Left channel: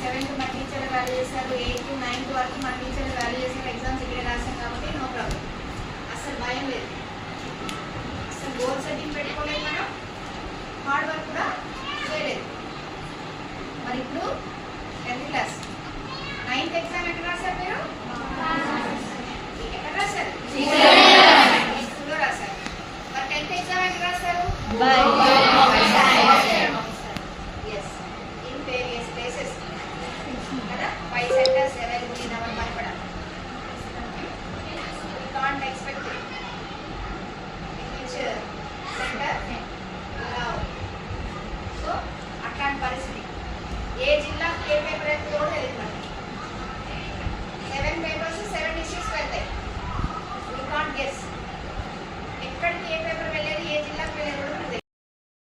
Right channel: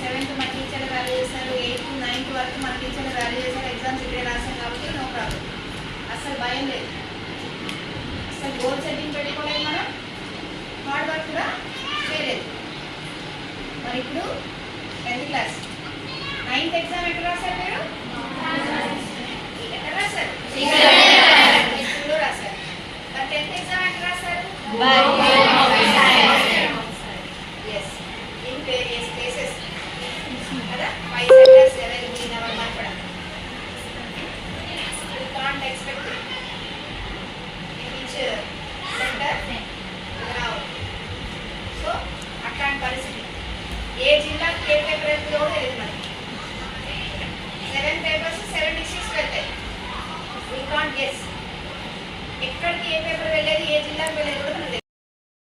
Seventh మన teacher value చేశారు eighth ninth వరకు మన టీచర్ వాల్యూ చేశారు ఎగ్జామ్స్ ఇక్కడే రాశాం కాబట్టి నో ప్రాబ్లం అసలు భయం లేదు. అసలు గోల్ సెట్టింగ్ పెట్టుకోలేదు మనం. హార్డ్ వర్క్ కూడా చేయలేదు. మరి ఇప్పుడు టెన్త్ క్లాస్ నైన్త్ ఎగ్జామ్ ఎక్కడ రాశారు మీరు? ఎక్కడ రాశారు? స్కూల్లో రాశారు. మరి టెన్త్ ఎగ్జామ్ ఎక్కడ రాశారు? ఏ జిల్లా ఏ పేపర్ అనేది కూడా తెలియదు సెవెన్ పేపర్స్ సెవెన్ డిస్ట్రిక్ట్స్ వెళ్తాయి యూ గెస్ ఎక్కడికి ఏ పేపర్ వెళ్ళేది ఏ జిల్లాకి వెళ్ళేది